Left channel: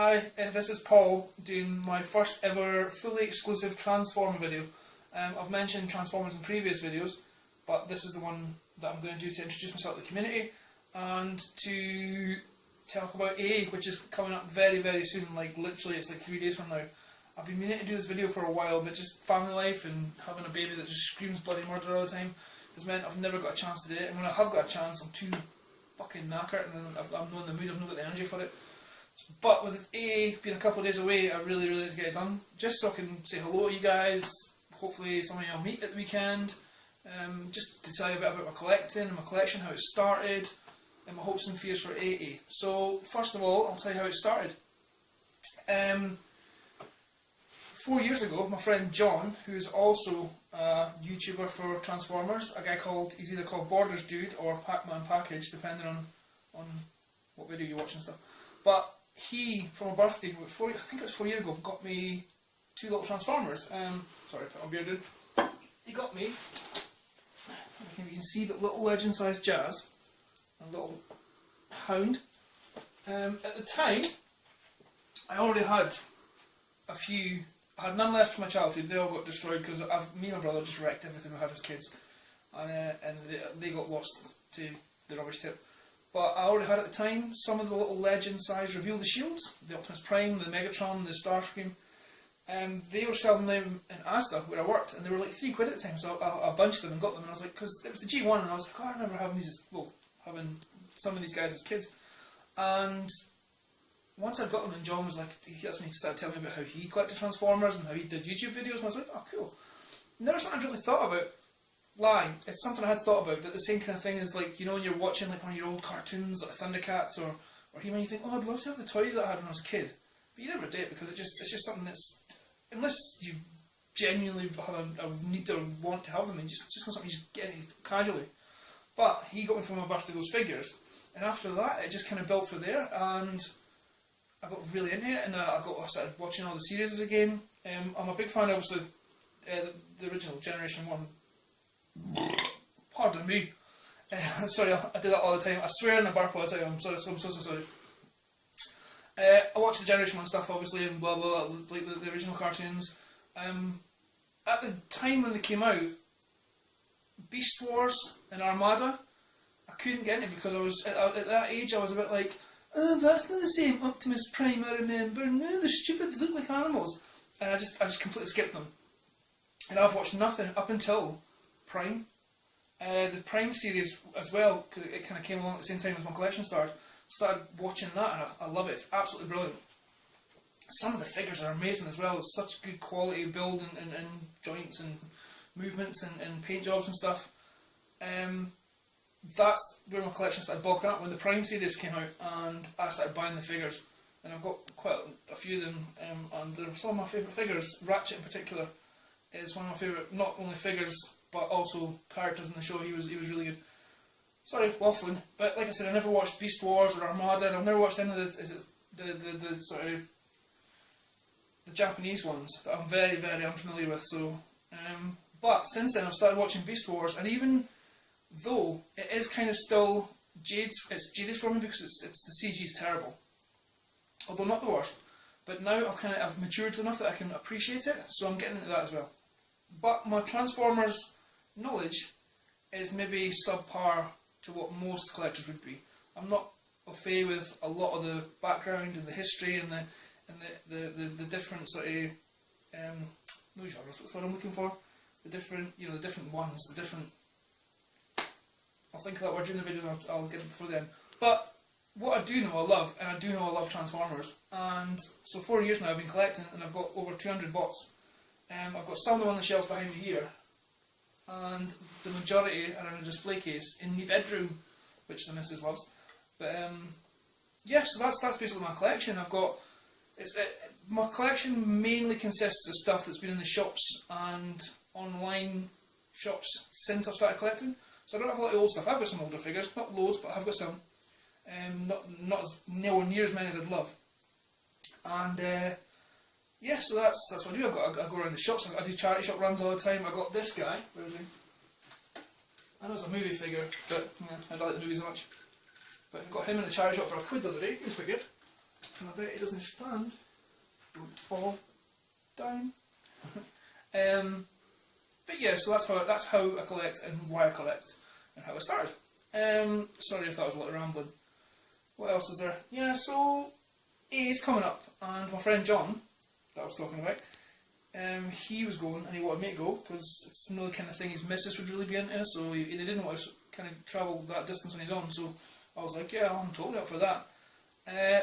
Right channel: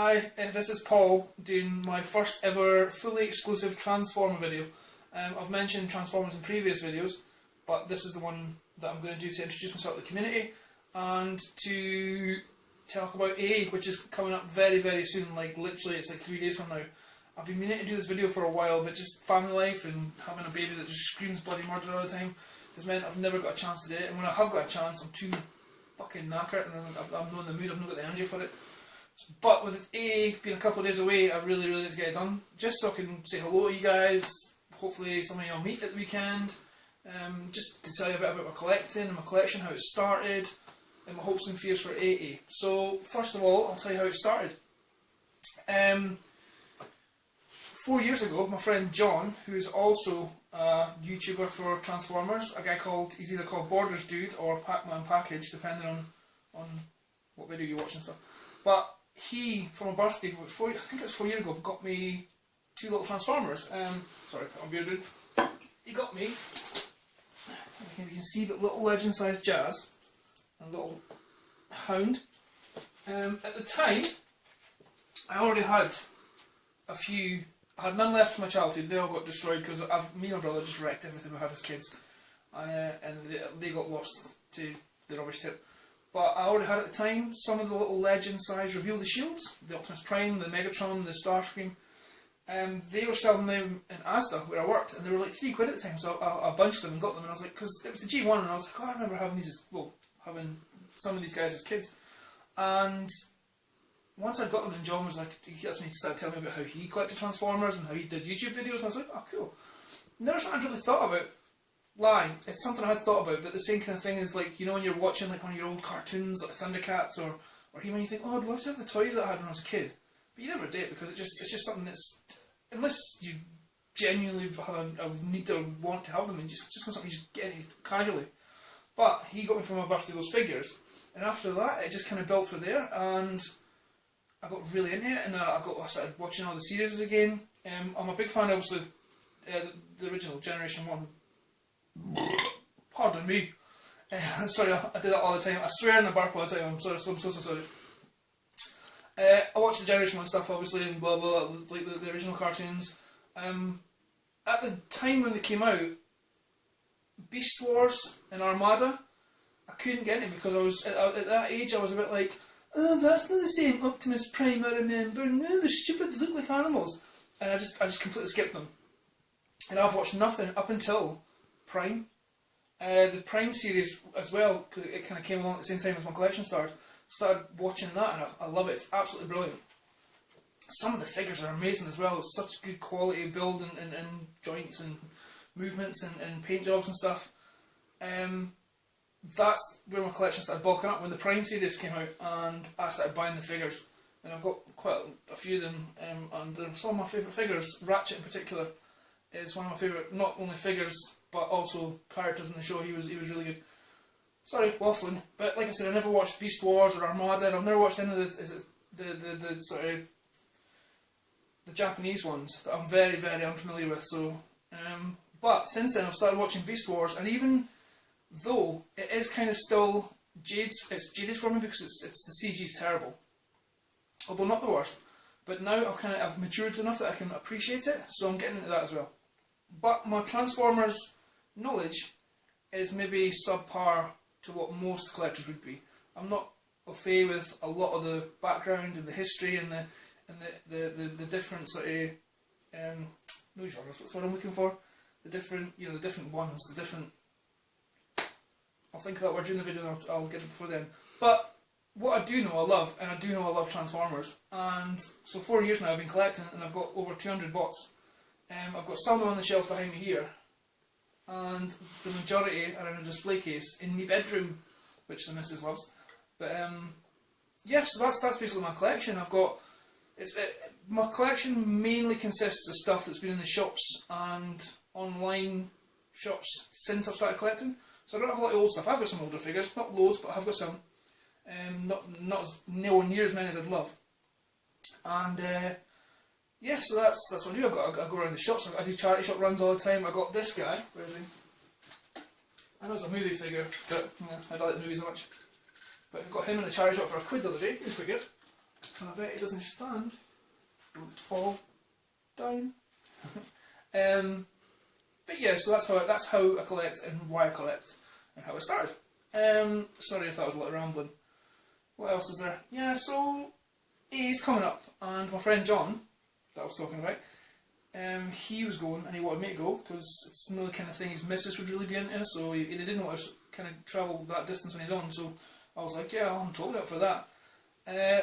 Hi, this is Paul doing my first ever fully exclusive Transformer video. I've mentioned Transformers in previous videos, but this is the one that I'm going to do to introduce myself to the community and to talk about AA, which is coming up very, very soon. Like literally, it's like 3 days from now. I've been meaning to do this video for a while, but just family life and having a baby that just screams bloody murder all the time has meant I've never got a chance to do it. And when I have got a chance, I'm too fucking knackered and I'm not in the mood. I've not got the energy for it. But with AA being a couple of days away, I really need to get it done. Just so I can say hello to you guys. Hopefully some of you I'll meet at the weekend. Just to tell you a bit about my collecting, my collection, how it started, and my hopes and fears for AA. So first of all, I'll tell you how it started. 4 years ago, my friend John, who is also a YouTuber for Transformers, a guy called, he's either called Borders Dude or Pac-Man Package, depending on what video you're watching and stuff. But he, for my birthday, I think it was 4 years ago, got me 2 little Transformers. Sorry, put my beard in. He got me, I don't know if you can see, but little legend-sized Jazz and little Hound. At the time, I already had a few. I had none left from my childhood. They all got destroyed because me and my brother just wrecked everything we had as kids, and they got lost to the rubbish tip. But I already had at the time some of the little legend size Reveal the Shields, the Optimus Prime, the Megatron, the Starscream. They were selling them in Asda where I worked, and they were like £3 at the time. So I bunched them and got them, and I was like, because it was the G1, and I was like, oh, I remember having having some of these guys as kids. And once I got them, and John was like, he started telling me about how he collected Transformers and how he did YouTube videos, and I was like, oh cool. Never something I'd really thought about. It's something I had thought about, but the same kind of thing is like, you know, when you're watching like one of your old cartoons, like Thundercats or He-Man, you think, oh, I'd love to have the toys that I had when I was a kid. But you never did, because it's just something that's, unless you genuinely have a need to want to have them, and just not something you just get casually. But he got me for my birthday those figures, and after that it just kind of built from there, and I got really into it, and I started watching all the series again. I'm a big fan, obviously, the original Generation 1. Pardon me. Sorry, I do that all the time. I swear and I bark all the time. I'm so sorry. I watched the Generation 1 stuff, obviously, and blah blah, like the original cartoons. At the time when they came out, Beast Wars and Armada, I couldn't get into, because I was at that age. I was a bit like, oh, that's not the same Optimus Prime I remember. No, they're stupid. They look like animals, and I just completely skipped them. And I've watched nothing up until Prime. The Prime series as well, because it kind of came along at the same time as my collection started. Started watching that, and I love it. It's absolutely brilliant. Some of the figures are amazing as well. It's such good quality build and joints and movements and paint jobs and stuff. That's where my collection started bulking up when the Prime series came out, and I started buying the figures. And I've got quite a few of them, and they're some of my favourite figures. Ratchet in particular is one of my favourite, not only figures but also characters in the show. He was really good. Sorry, waffling. But like I said, I never watched Beast Wars or Armada, and I've never watched any of the sort of the Japanese ones that I'm very, very unfamiliar with. So, but since then I've started watching Beast Wars, and even though it is kind of still it's jaded for me because it's the CG's terrible, although not the worst. But now I've matured enough that I can appreciate it, so I'm getting into that as well. But my Transformers knowledge is maybe subpar to what most collectors would be. I'm not au fait with a lot of the background and the history and the different sort of no genres. What's what I'm looking for? The different ones, the different. I'll think of that word during the video, and I'll get it before then. But what I do know I love, and I do know I love Transformers, and so 4 years now I've been collecting, and I've got over 200 bots. I've got some of them on the shelf behind me here, and the majority are in a display case in my bedroom, which the missus loves. But yeah, so that's basically my collection. My collection mainly consists of stuff that's been in the shops and online shops since I've started collecting. So I don't have a lot of old stuff. I've got some older figures, not loads, but I've got some. Not nowhere near as many as I'd love. And yeah, so that's what I do. I go around the shops. I do charity shop runs all the time. I got this guy. Where is he? I know it's a movie figure, but I don't like the movies so much. But I got him in a charity shop for £1 the other day. He was pretty good. Can I bet it doesn't stand? Don't fall down. But yeah, so that's how I collect and why I collect and how I started. Sorry if that was a little rambling. What else is there? Yeah, so A's coming up, and my friend John that I was talking about, he was going and he wanted me to go because it's not the kind of thing his missus would really be into, so he didn't want to kind of travel that distance on his own, so I was like, yeah, I'm totally up for that.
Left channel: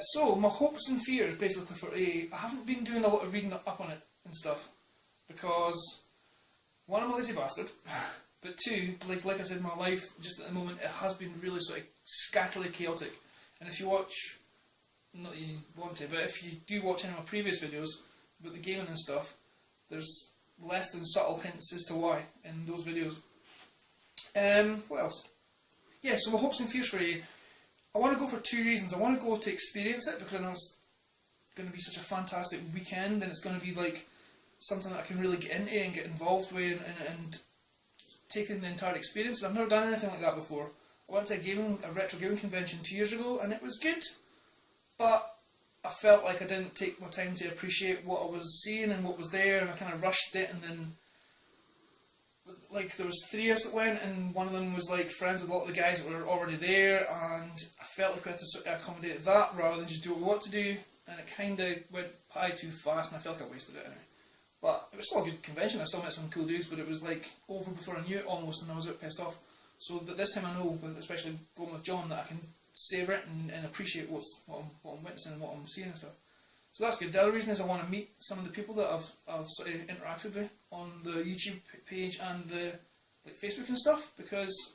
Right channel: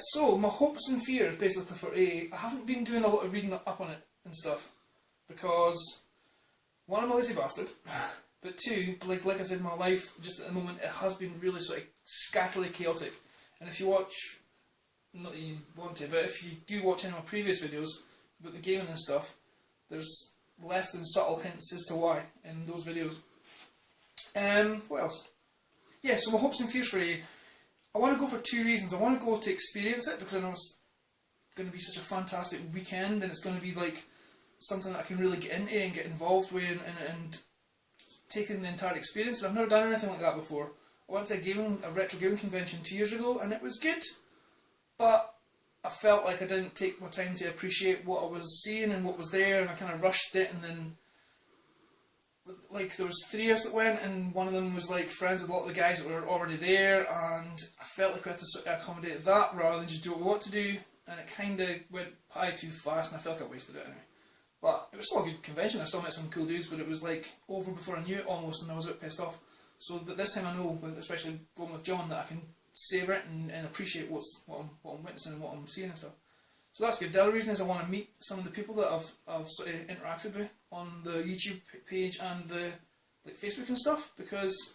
So my hopes and fears basically for A, I haven't been doing a lot of reading up on it and stuff because one, I'm a lazy bastard, but two, like I said, my life just at the moment, it has been really sort of scatterly chaotic, and if you watch, not that you want to, but if you do watch any of my previous videos about the gaming and stuff, there's less than subtle hints as to why in those videos. What else? Yeah, so my hopes and fears for A, I want to go for two reasons. I want to go to experience it because I know it's going to be such a fantastic weekend and it's going to be like something that I can really get into and get involved with and take in the entire experience. I've never done anything like that before. I went to a retro gaming convention 2 years ago and it was good, but I felt like I didn't take my time to appreciate what I was seeing and what was there, and I kind of rushed it, and then like there was 3 of us that went, and one of them was like friends with a lot of the guys that were already there, and I felt like we had to sort of accommodate that rather than just do what we want to do, and it kind of went probably too fast, and I felt like I wasted it anyway. But it was still a good convention. I still met some cool dudes, but it was like over before I knew it almost, and I was a bit pissed off. So, but this time I know, especially going with John, that I can savour it and appreciate what I'm witnessing and what I'm seeing and stuff. So that's good. The other reason is I want to meet some of the people that I've sort of interacted with on the YouTube page and the like Facebook and stuff, because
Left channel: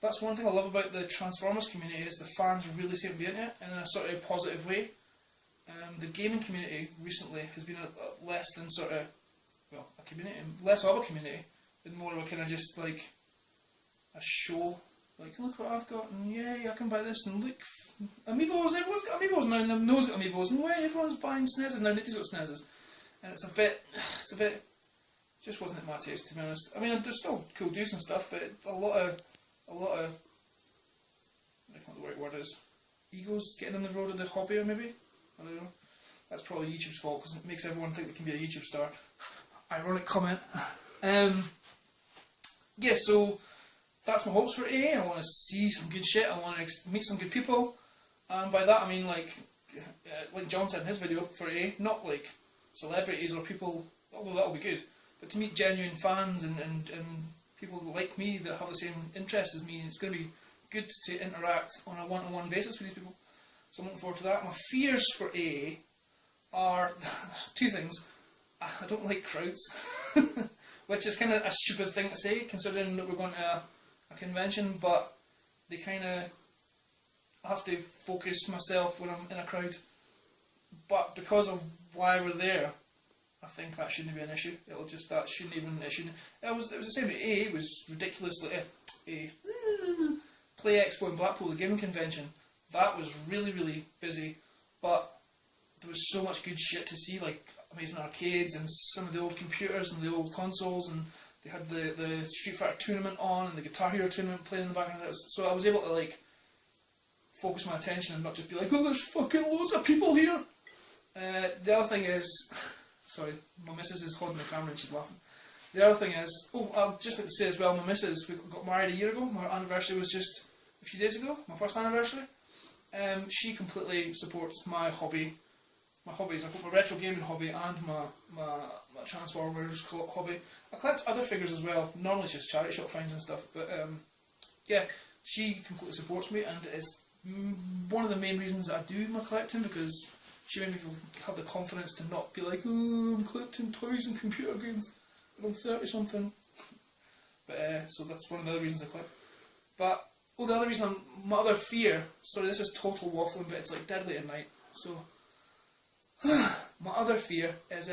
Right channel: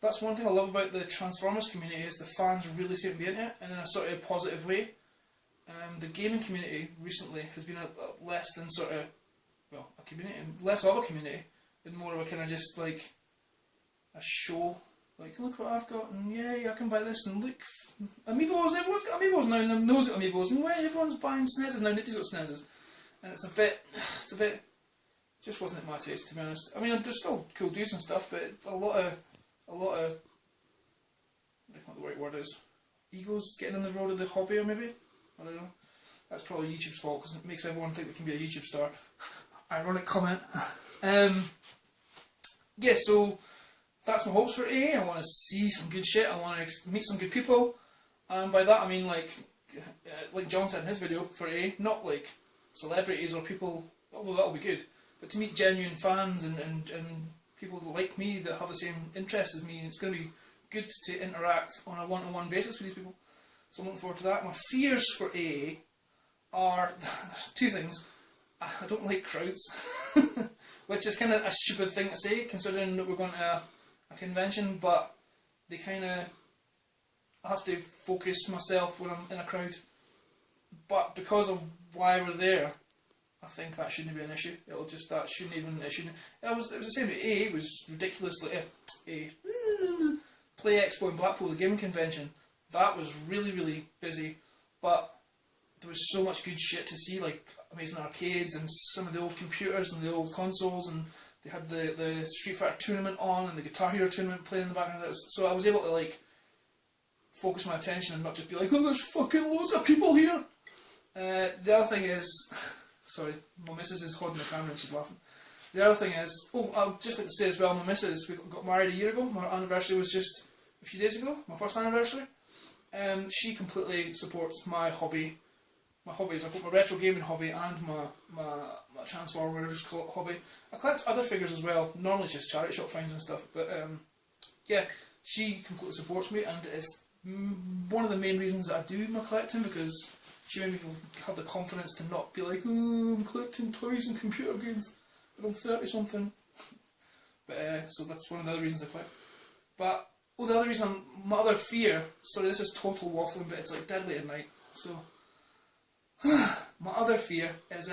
that's one thing I love about the Transformers community is the fans really seem to be into it in a sort of positive way. The gaming community recently has been a less than sort of, well, a community, less of a community, and more of a kind of just like a show. Like, look what I've got, and yay, I can buy this, and look, Amiibos, everyone's got Amiibos now, and everyone knows got Amiibos, and wait, everyone's buying SNESes now, Nitty's got SNESes. And it's a bit, just wasn't at my taste, to be honest. I mean, there's still cool dudes and stuff, but a lot of, I don't know what the right word is, egos getting in the road of the hobby, or maybe? I don't know. That's probably YouTube's fault, because it makes everyone think they can be a YouTube star. Ironic comment. Yeah, so that's my hopes for A. I want to see some good shit, I want to meet some good people, and by that I mean like John said in his video, for A, not like celebrities or people, although that'll be good, but to meet genuine fans and people like me that have the same interests as me. It's going to be good to interact on a one-to-one basis with these people, so I'm looking forward to that. My fears for A are two things. I don't like crowds, which is kind of a stupid thing to say considering that we're going to a convention, but they kind of, I have to focus myself when I'm in a crowd, but because of why we're there, I think that shouldn't be an issue. That shouldn't even, it was the same at A. It was ridiculously, Play Expo in Blackpool, the gaming convention, that was really, really busy, but there was so much good shit to see, like amazing arcades and some of the old computers and the old consoles, and they had the Street Fighter tournament on and the Guitar Hero tournament playing in the background. So I was able to like focus my attention and not just be like, oh, there's fucking loads of people here. The other thing is, sorry, my missus is holding the camera and she's laughing. The other thing is, I'll just like to say as well, my missus, we got married a year ago. My anniversary was just a few days ago, my first anniversary. She completely supports my hobby. My hobbies, I've got my retro gaming hobby and my Transformers hobby. I collect other figures as well, normally it's just charity shop finds and stuff, but yeah, she completely supports me, and it's one of the main reasons that I do my collecting, because she made me have the confidence to not be like, oh, I'm collecting toys and computer games, but I'm 30 something. But so that's one of the other reasons I collect. But, the other reason, my other fear, sorry this is total waffling, but it's like dead late at night, so my other fear is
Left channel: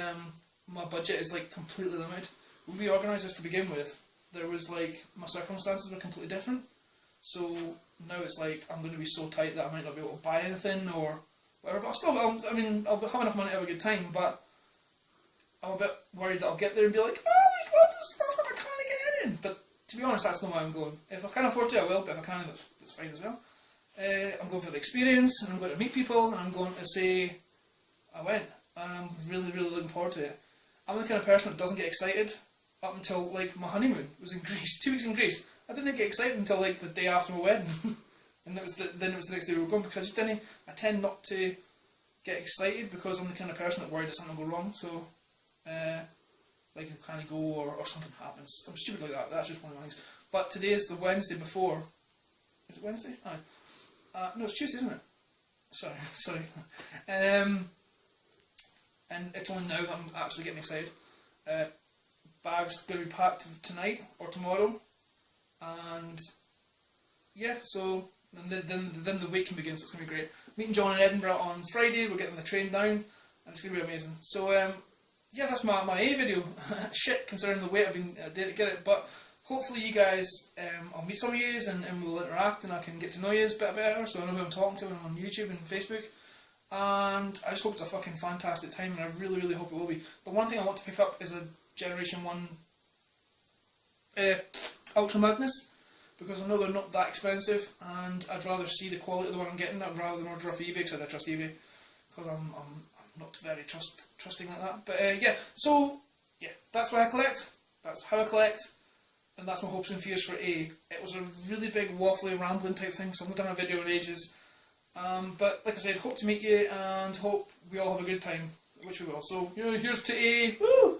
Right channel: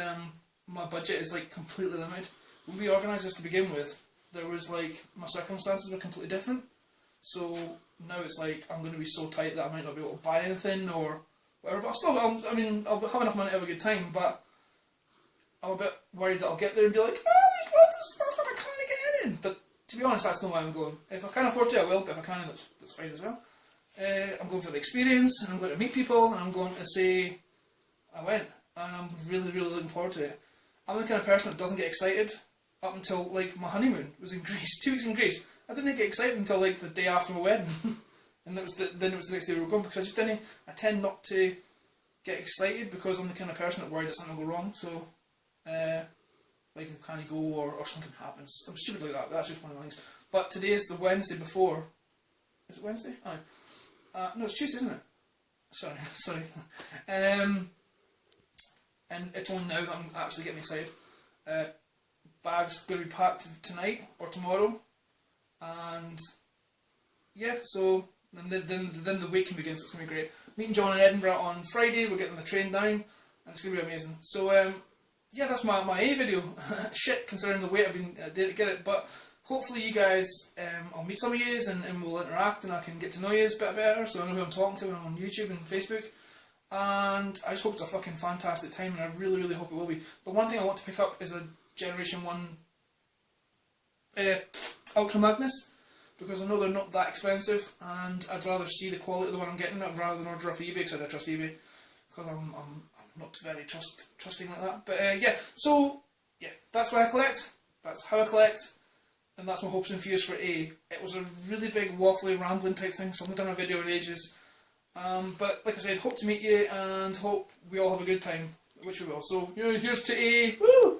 my budget is like completely limited. When we organised this to begin with, there was like, my circumstances were completely different, so now it's like I'm going to be so tight that I might not be able to buy anything or whatever, but I'll have enough money to have a good time, but I'm a bit worried that I'll get there and be like, oh, there's lots of stuff and I can't get in. But to be honest, that's not why I'm going. If I can afford to, I will, but if I can't, that's fine as well. I'm going for the experience, and I'm going to meet people, and I'm going to say I went, and I'm really, really looking forward to it. I'm the kind of person that doesn't get excited up until like my honeymoon was in Greece, 2 weeks in Greece. I didn't get excited until like the day after my wedding, and then it was the next day we were going, because I just didn't. I tend not to get excited because I'm the kind of person that worried that something will go wrong. So, like I kind of go or something happens. I'm stupid like that. That's just one of my things. But today is the Wednesday before. Is it Wednesday? Aye. No, it's Tuesday, isn't it? Sorry. And it's only now that I'm actually getting excited. Bag's going to be packed tonight or tomorrow, and yeah, so then the week can begin. So it's going to be great. Meeting John in Edinburgh on Friday. We're getting the train down, and it's going to be amazing. So yeah, that's my A video. Shit, considering the weight I've been there to get it, but hopefully you guys, I'll meet some of you and we'll interact, and I can get to know you a bit better, so I know who I'm talking to when I'm on YouTube and Facebook. And I just hope it's a fucking fantastic time, and I really, really hope it will be. The one thing I want to pick up is a Generation 1 Ultra Magnus, because I know they're not that expensive, and I'd rather see the quality of the one I'm getting rather than order off eBay, because I don't trust eBay, because I'm not very trusting like that. But yeah, so yeah, that's why I collect, that's how I collect, and that's my hopes and fears for A. It was a really big waffly rambling type thing, so I haven't done a video in ages. But like I said, hope to meet you, and hope we all have a good time, which we will. So, you know, here's to A. Woo!